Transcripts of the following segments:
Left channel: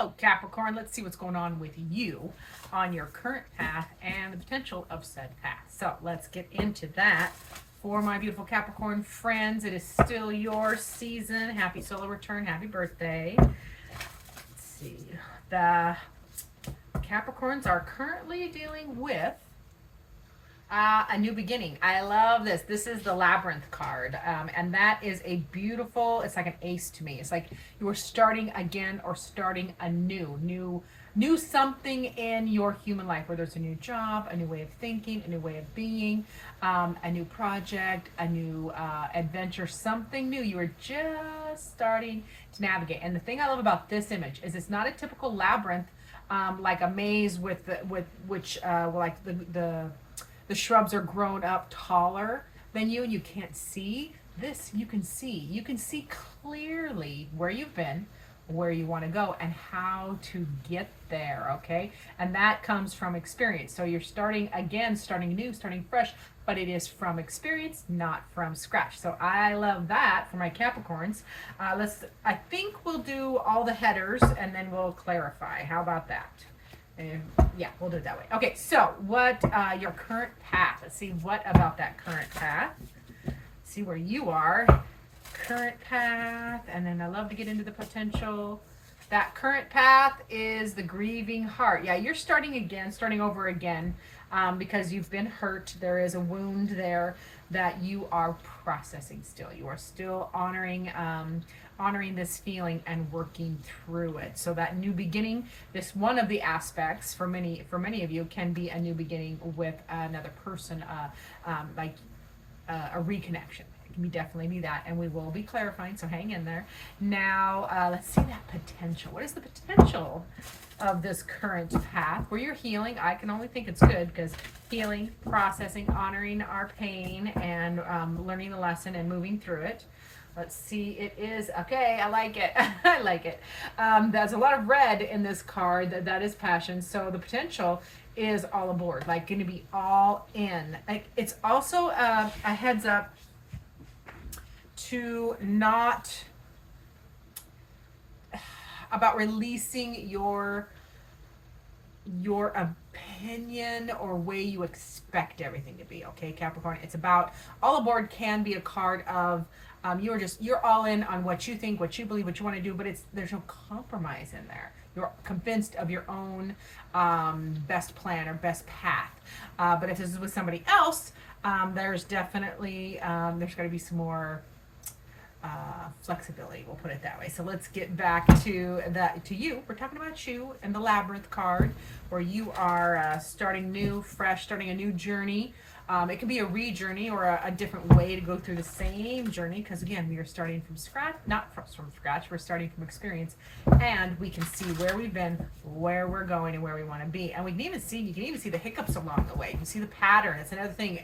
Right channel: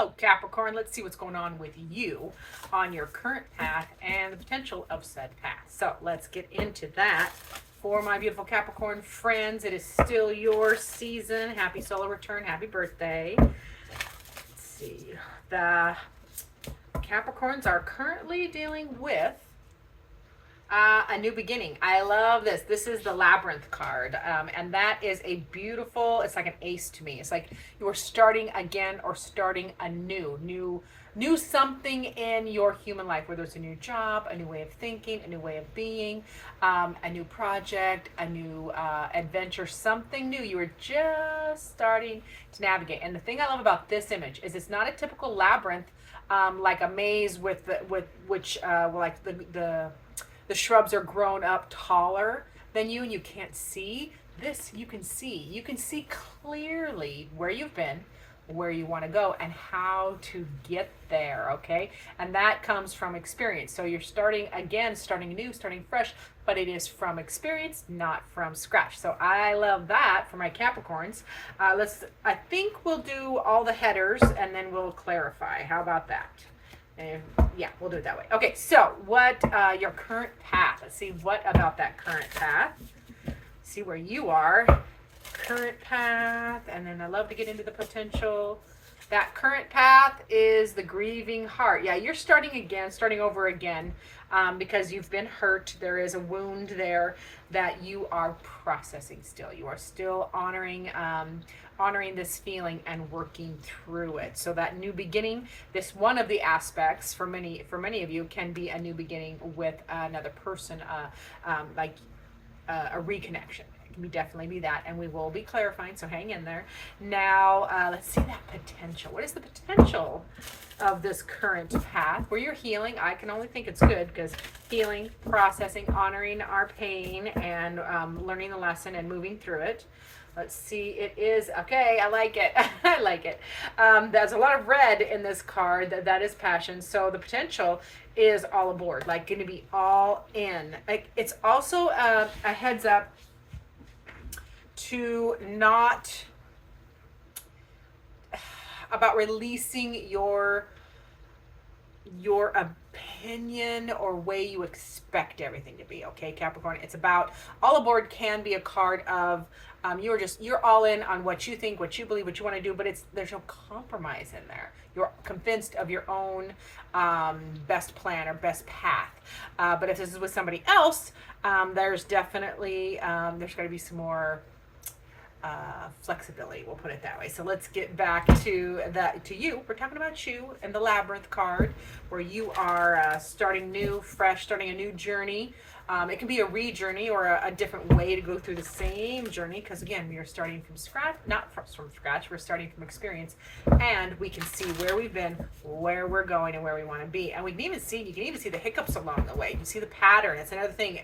Hello, Capricorn. Let's see what's going on with you on your current path and the potential of said path. So let's get into that. For my beautiful Capricorn friends, it is still your season. Happy solar return. Happy birthday. Let's see. The Capricorns are currently dealing with a new beginning. I love this. This is the Labyrinth card. And that is a beautiful, it's like an ace to me. It's like you are starting again or starting new something in your human life, whether it's a new job, a new way of thinking, a new way of being, a new project, a new adventure, something new. You are just starting to navigate. And the thing I love about this image is it's not a typical labyrinth, like a maze with which like the shrubs are grown up taller than you and you can't see. This you can see. You can see clearly where you've been, where you want to go, and how to get there, okay? And that comes from experience. So you're starting again, starting new, starting fresh, but it is from experience, not from scratch. So I love that for my Capricorns. I think we'll do all the headers and then we'll clarify. How about that? Yeah, we'll do it that way. Okay, so what your current path? Let's see what about that current path. See where you are. Current path, and then I love to get into the potential. That current path is the grieving heart. Yeah, you're starting again, starting over again, because you've been hurt. There is a wound there that you are processing still. You are still honoring this feeling and working through it. So that new beginning, this one of the aspects for many of you can be a new beginning with another person, like a reconnection. It can definitely be that, and we will be clarifying, so hang in there. Now, let's see that potential. What is the potential of this current path where you're healing? I can only think it's good, because healing, processing, honoring our pain, and learning the lesson and moving through it. Let's see, it is, okay, I like it. I like it. There's a lot of red in this card. That is passion. So the potential is all aboard, like going to be all in. Like, it's also a heads up to not about releasing your opinion or way you expect everything to be, okay, Capricorn? It's about all aboard can be a card of you're all in on what you think, what you believe, what you want to do, but there's no compromise in there. You're convinced of your own best plan or best path. But if this is with somebody else, there's definitely there's got to be some more flexibility, we'll put it that way. So let's get back to you. We're talking about you and the Labyrinth card, where you are starting new, fresh, starting a new journey. It can be a re-journey or a different way to go through the same journey, because again, we are starting from scratch, not from scratch, we're starting from experience, and we can see where we've been, where we're going, and where we want to be. And you can even see the hiccups along the way. You can see the pattern. It's another thing.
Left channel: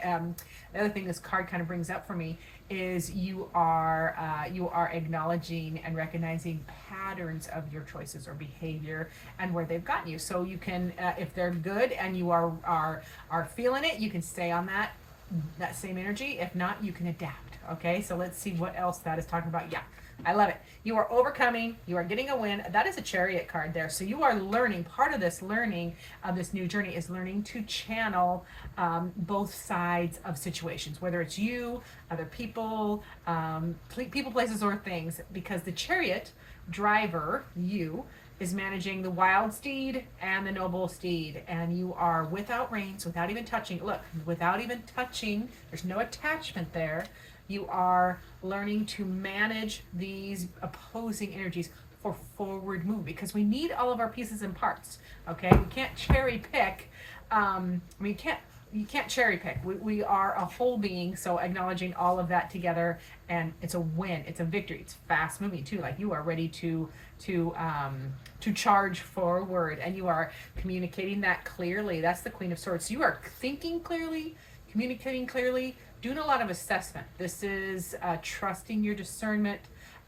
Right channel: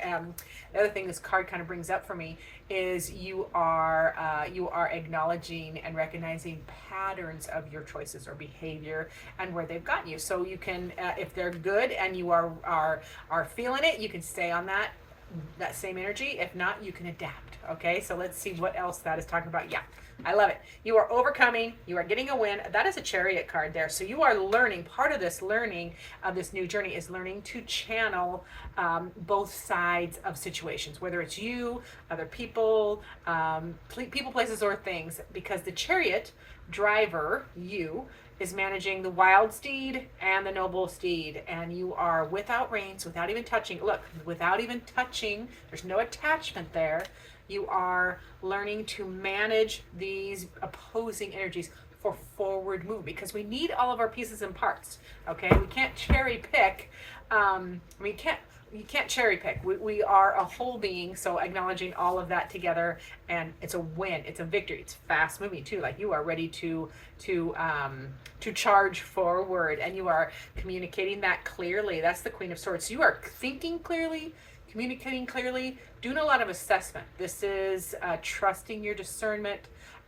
The other thing this card kind of brings up for me is you are acknowledging and recognizing patterns of your choices or behavior and where they've gotten you. So you can, if they're good and you are feeling it, you can stay on that same energy. If not, you can adapt. Okay, so let's see what else that is talking about. Yeah, I love it. You are overcoming. You are getting a win. That is a Chariot card there. So you are learning. Part of this learning of this new journey is learning to channel both sides of situations, whether it's you, other people, people, places, or things, because the Chariot driver, you, is managing the wild steed and the noble steed, and you are without reins, without even touching. Look, without even touching, there's no attachment there. You are learning to manage these opposing energies for forward move, because we need all of our pieces and parts. Okay, we can't cherry pick. You can't cherry pick. We are a whole being, so acknowledging all of that together, and it's a win. It's a victory. It's fast moving too. Like, you are ready to charge forward, and you are communicating that clearly. That's the Queen of Swords. You are thinking clearly, communicating clearly, doing a lot of assessment. This is trusting your discernment,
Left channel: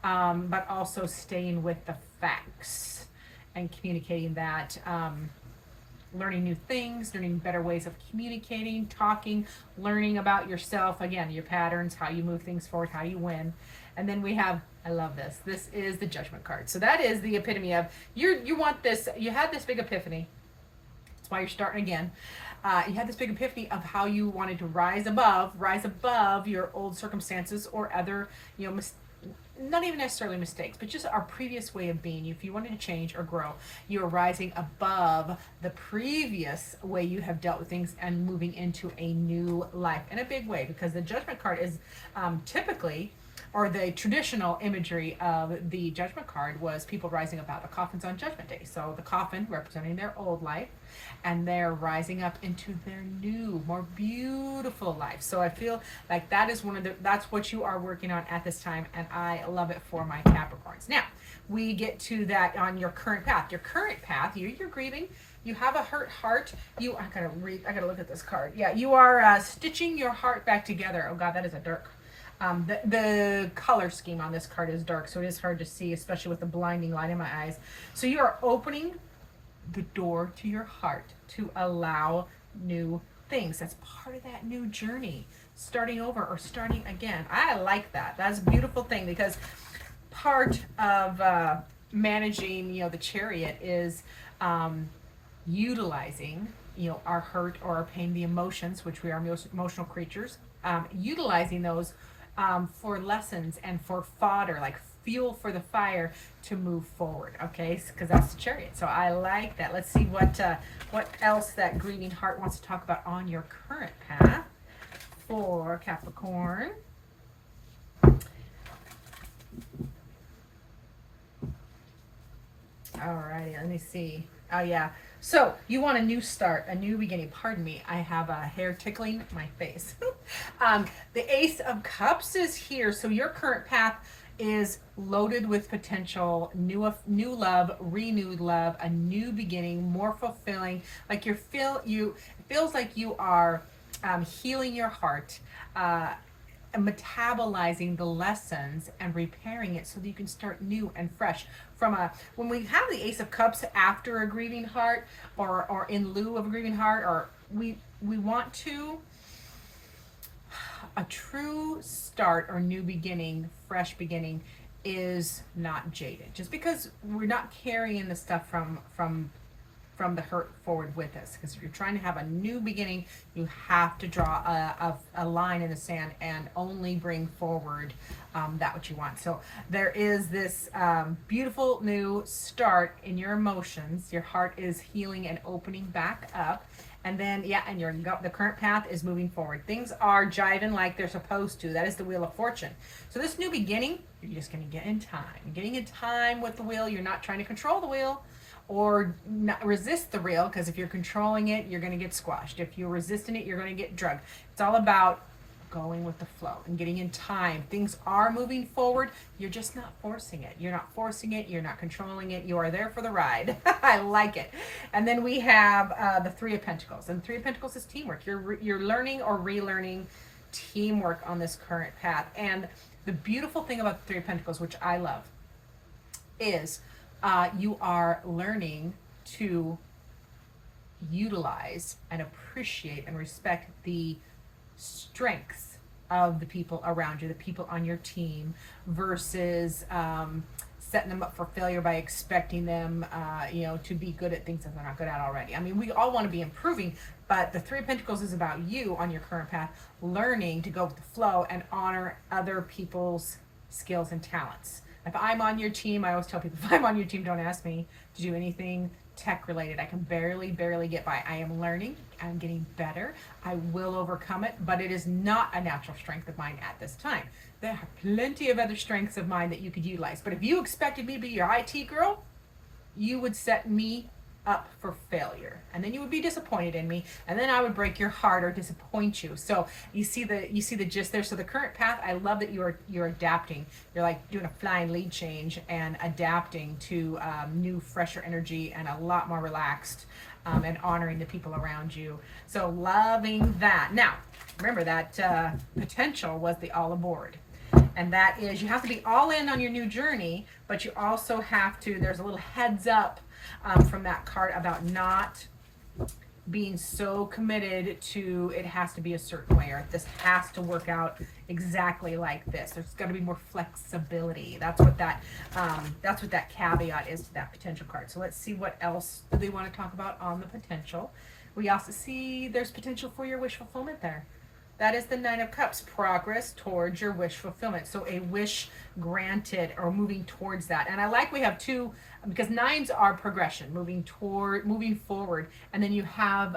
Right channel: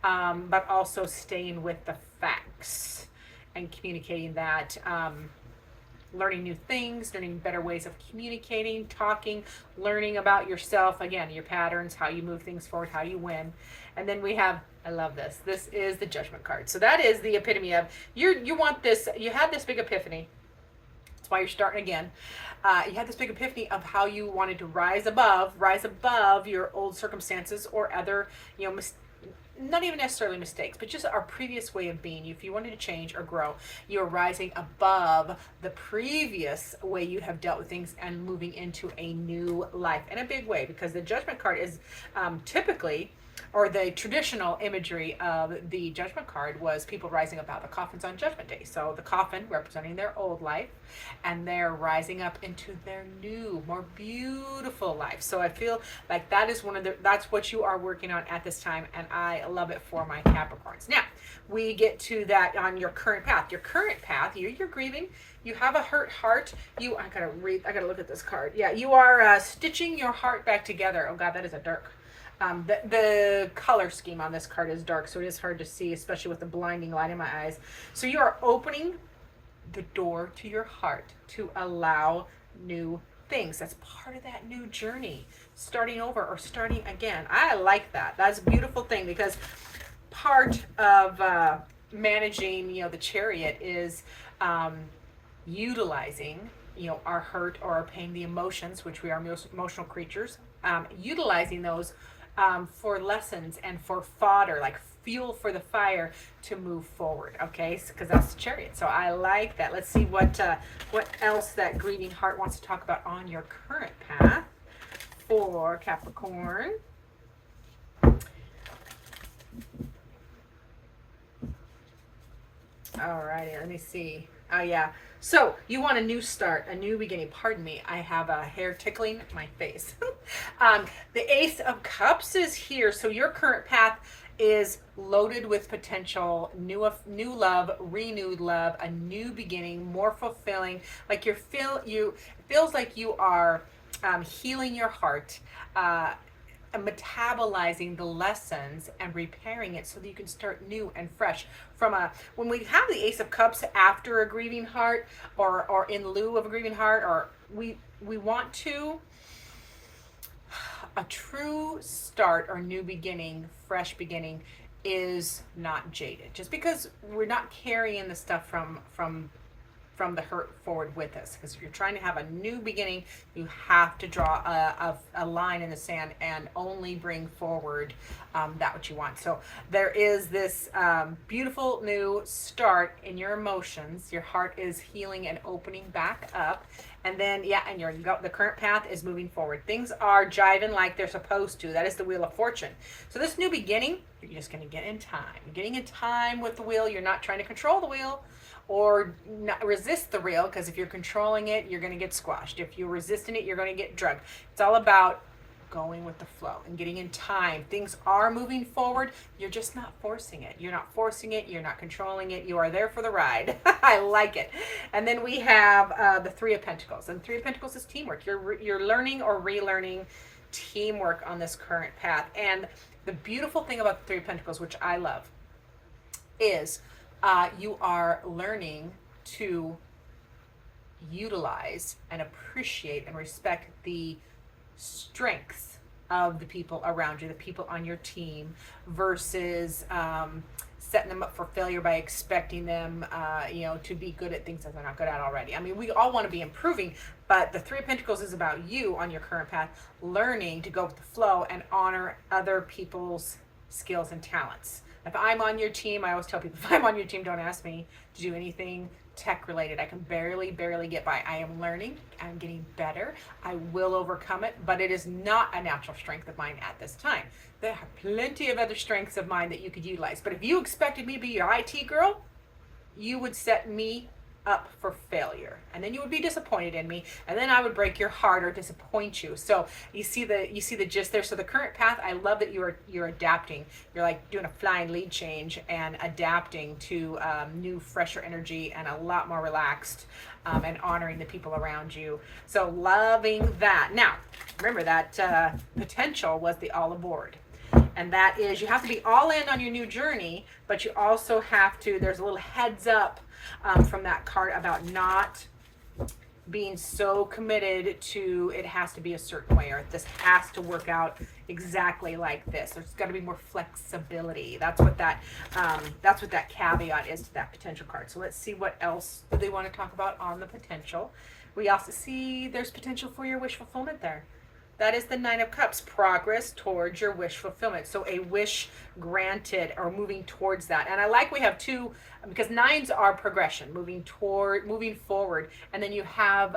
but also staying with the facts and communicating that. Learning new things, learning better ways of communicating, talking, learning about yourself, again, your patterns, how you move things forward, how you win. And then we have, I love this. This is the Judgment card. So that is the epitome of, you want this, you had this big epiphany. That's why you're starting again. You had this big epiphany of how you wanted to rise above your old circumstances or other, not even necessarily mistakes, but just our previous way of being. If you wanted to change or grow, you're rising above the previous way you have dealt with things and moving into a new life in a big way, because the Judgment card is typically, or the traditional imagery of the Judgment card was people rising up out of the coffins on Judgment Day. So the coffin representing their old life, and they're rising up into their new, more beautiful life. So I feel like that is that's what you are working on at this time, and I love it for my Capricorns. Now, we get to that on your current path. Your current path, you're grieving. You have a hurt heart. I gotta look at this card. Yeah, you are stitching your heart back together. Oh God, that is a dark. The color scheme on this card is dark, so it is hard to see, especially with the blinding light in my eyes. So you are opening the door to your heart to allow new things. That's part of that new journey, starting over or starting again. I like that. That's a beautiful thing, because part of managing, the Chariot is utilizing, our hurt or our pain, the emotions, which we are emotional creatures, utilizing those for lessons and for fodder, like fuel for the fire to move forward. Okay, because that's the Chariot. So I like that. Let's see what else that grieving heart wants to talk about on your current path for Capricorn. All righty, let me see. Oh yeah. So you want a new start, a new beginning. Pardon me, I have a hair tickling my face. The Ace of Cups is here. So your current path is loaded with potential, new love, renewed love, a new beginning, more fulfilling. Like it feels like you are healing your heart, metabolizing the lessons and repairing it so that you can start new and fresh. When we have the Ace of Cups after a grieving heart, or in lieu of a grieving heart, or we want to, a true start or new beginning, fresh beginning, is not jaded. Just because we're not carrying the stuff from the hurt forward with us, because if you're trying to have a new beginning, you have to draw a line in the sand and only bring forward that what you want. So there is this beautiful new start in your emotions. Your heart is healing and opening back up, and then the current path is moving forward. Things are jiving like they're supposed to. That is the Wheel of Fortune. So this new beginning, you're just going to get in time. You're getting in time with the wheel. You're not trying to control the wheel or not resist the wheel, because if you're controlling it, you're going to get squashed. If you're resisting it, you're going to get drugged. It's all about going with the flow and getting in time. Things are moving forward. You're just not forcing it. You're not forcing it. You're not controlling it. You are there for the ride. I like it. And then we have the Three of Pentacles. And the Three of Pentacles is teamwork. You're learning or relearning teamwork on this current path. And the beautiful thing about the Three of Pentacles, which I love, is you are learning to utilize and appreciate and respect the strengths of the people around you, the people on your team, versus setting them up for failure by expecting them, to be good at things that they're not good at already. I mean, we all want to be improving, but the Three of Pentacles is about you on your current path, learning to go with the flow and honor other people's skills and talents. If I'm on your team, I always tell people, if I'm on your team, don't ask me to do anything tech related. I can barely get by. I am learning. I'm getting better. I will overcome it, but it is not a natural strength of mine at this time. There are plenty of other strengths of mine that you could utilize. But if you expected me to be your IT girl, you would set me up for failure, and then you would be disappointed in me, and then I would break your heart or disappoint you. So you see the gist there. So the current path, I love that you're adapting. You're like doing a flying lead change and adapting to new, fresher energy and a lot more relaxed, and honoring the people around you. So loving that. Now remember that potential was the all aboard. And that is, you have to be all in on your new journey, but you also have to, there's a little heads up from that card about not being so committed to it has to be a certain way, or this has to work out exactly like this. There's got to be more flexibility. That's what that caveat is to that potential card. So let's see what else do they want to talk about on the potential. We also see there's potential for your wish fulfillment there. That is the Nine of Cups, progress towards your wish fulfillment. So a wish granted or moving towards that. And I like we have two, because nines are progression, moving forward. And then you have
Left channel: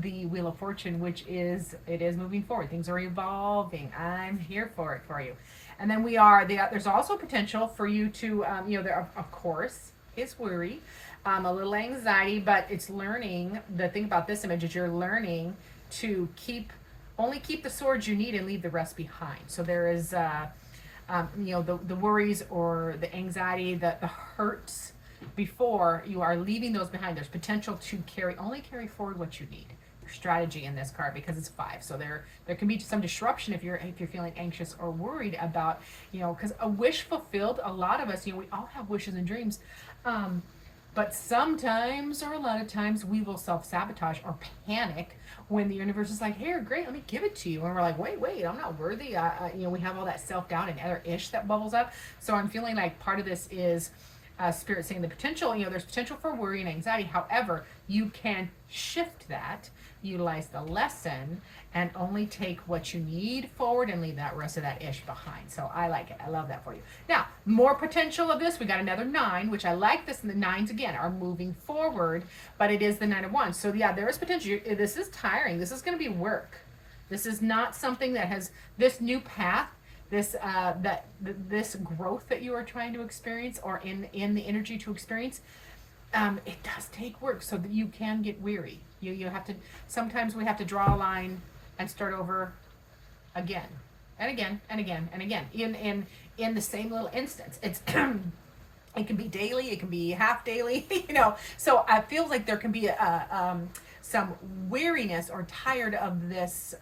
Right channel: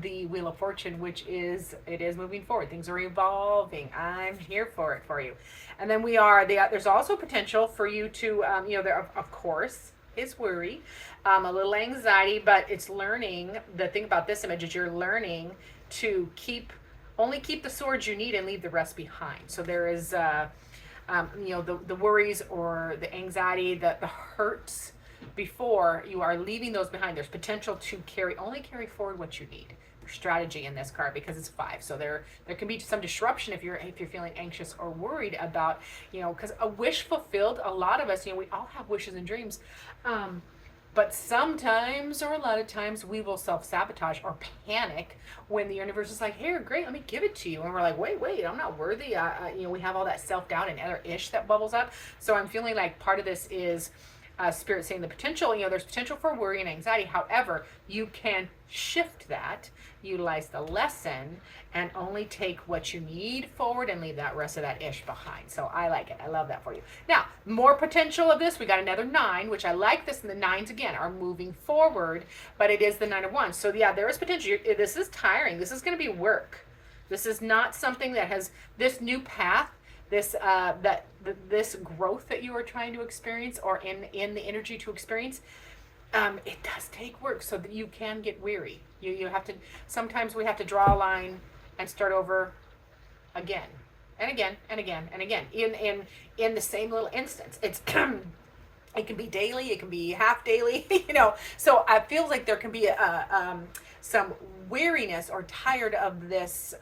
the Wheel of Fortune, which is moving forward. Things are evolving. I'm here for it for you. And then there's also potential for you to, there of course is worry, a little anxiety, but it's learning. The thing about this image is you're learning to only keep the swords you need and leave the rest behind. So there is, the worries or the anxiety, the hurts before, you are leaving those behind. There's potential to only carry forward what you need. Strategy in this card because it's 5. So there can be some disruption if you're feeling anxious or worried about, because a wish fulfilled, a lot of us, we all have wishes and dreams. But sometimes, or a lot of times, we will self-sabotage or panic when the universe is like, here, great, let me give it to you. And we're like, wait, I'm not worthy. We have all that self-doubt and other ish that bubbles up. So I'm feeling like part of this is Spirit saying the potential, there's potential for worry and anxiety. However, you can shift that, utilize the lesson, and only take what you need forward and leave that rest of that ish behind. So I like it. I love that for you. Now, more potential of this. We got another 9, which I like this. And the 9s, again, are moving forward, but it is the 9 of Wands. So yeah, there is potential. This is tiring. This is going to be work. This is not something that has this new path, this growth that you are trying to experience, or in the energy to experience. It does take work, so that you can get weary. You have to, sometimes we have to draw a line and start over again and again and again and again in the same little instance. It's it can be daily, it can be half daily, so I feel like there can be some weariness or tired of this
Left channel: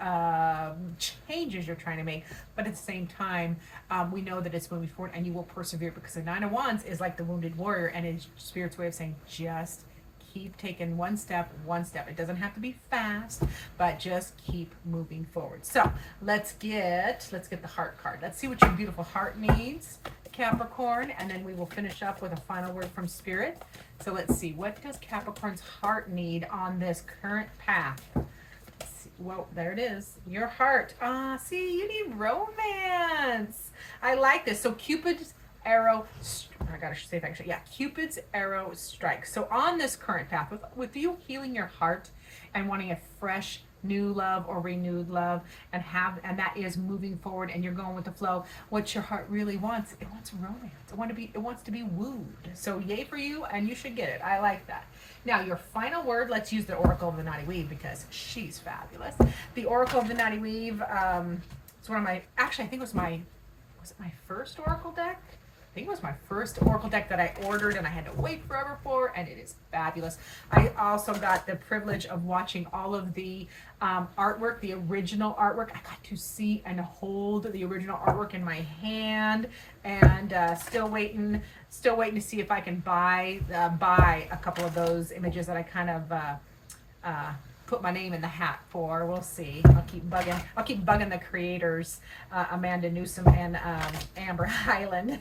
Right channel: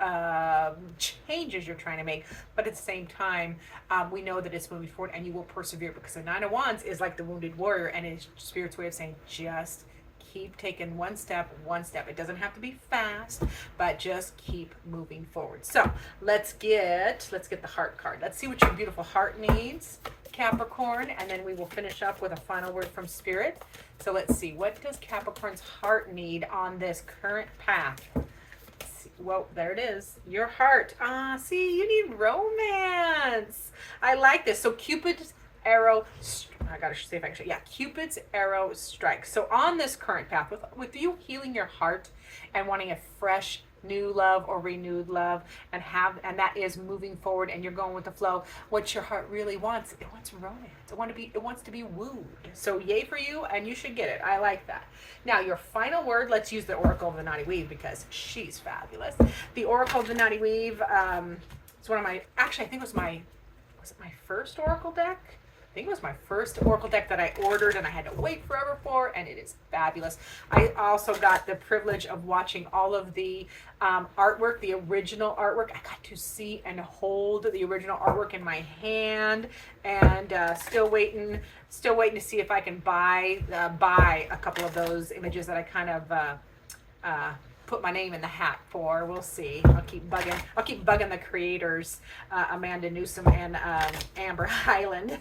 changes you're trying to make, but at the same time, we know that it's moving forward and you will persevere, because the 9 of Wands is like the wounded warrior, and it's Spirit's way of saying just keep taking one step. It doesn't have to be fast, but just keep moving forward. So let's get the heart card. Let's see what your beautiful heart needs, Capricorn, and then we will finish up with a final word from Spirit. So let's see, what does Capricorn's heart need on this current path? Whoa, there it is. Your heart. See, you need romance. I like this. So Cupid's arrow, I gotta see if I can show. Yeah, Cupid's arrow strikes. So on this current path, with you healing your heart and wanting a fresh new love or renewed love, and that is moving forward, and you're going with the flow. What your heart really wants, it wants romance. It wants to be wooed. So yay for you, and you should get it. I like that. Now your final word. Let's use the Oracle of the Naughty Weave because she's fabulous. The Oracle of the Naughty Weave. It's one of my. Actually, I think was it my first Oracle deck? I think it was my first Oracle deck that I ordered and I had to wait forever for, and it is fabulous. I also got the privilege of watching all of the artwork, the original artwork. I got to see and hold the original artwork in my hand, and still waiting to see if I can buy a couple of those images that I kind of put my name in the hat for. We'll see. I'll keep bugging the creators, Amanda Newsom and Amber Highland.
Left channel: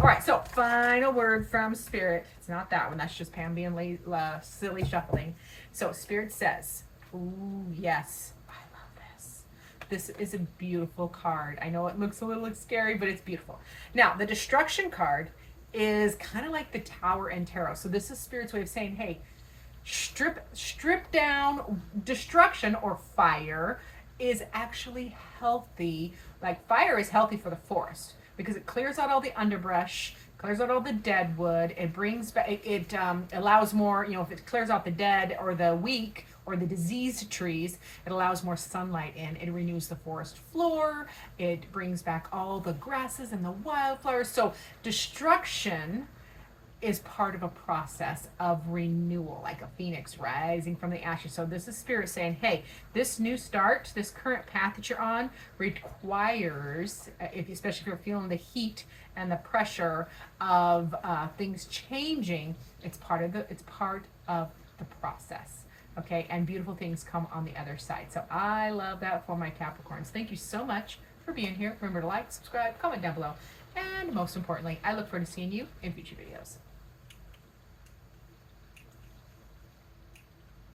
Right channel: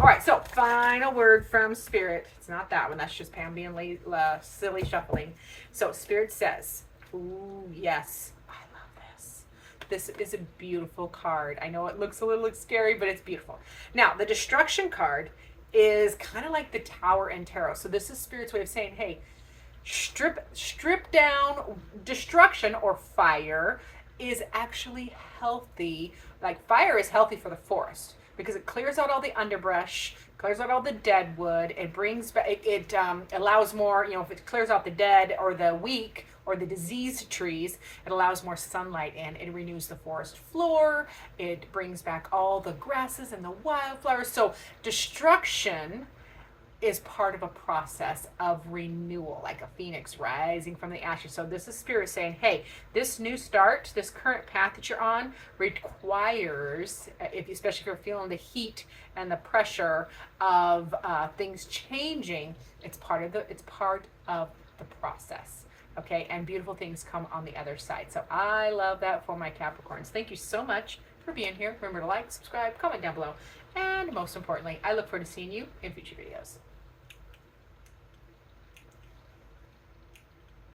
All right, so final word from Spirit. It's not that one. That's just Pam being silly shuffling. So Spirit says, ooh, yes, I love this. This is a beautiful card. I know it looks a little scary, but it's beautiful. Now, the Destruction card is kind of like the Tower in Tarot. So this is Spirit's way of saying, hey, strip down. Destruction or fire is actually healthy. Like fire is healthy for the forest because it clears out all the underbrush, clears out all the dead wood. It brings back, it allows more, if it clears out the dead or the weak or the diseased trees, it allows more sunlight in. It renews the forest floor. It brings back all the grasses and the wildflowers. So destruction is part of a process of renewal, like a phoenix rising from the ashes. So this is Spirit saying, hey, this new start, this current path that you're on requires, especially if you're feeling the heat and the pressure of things changing, it's part of the process. Okay, and beautiful things come on the other side. So I love that for my Capricorns. Thank you so much for being here. Remember to like, subscribe, comment down below. And most importantly, I look forward to seeing you in future videos.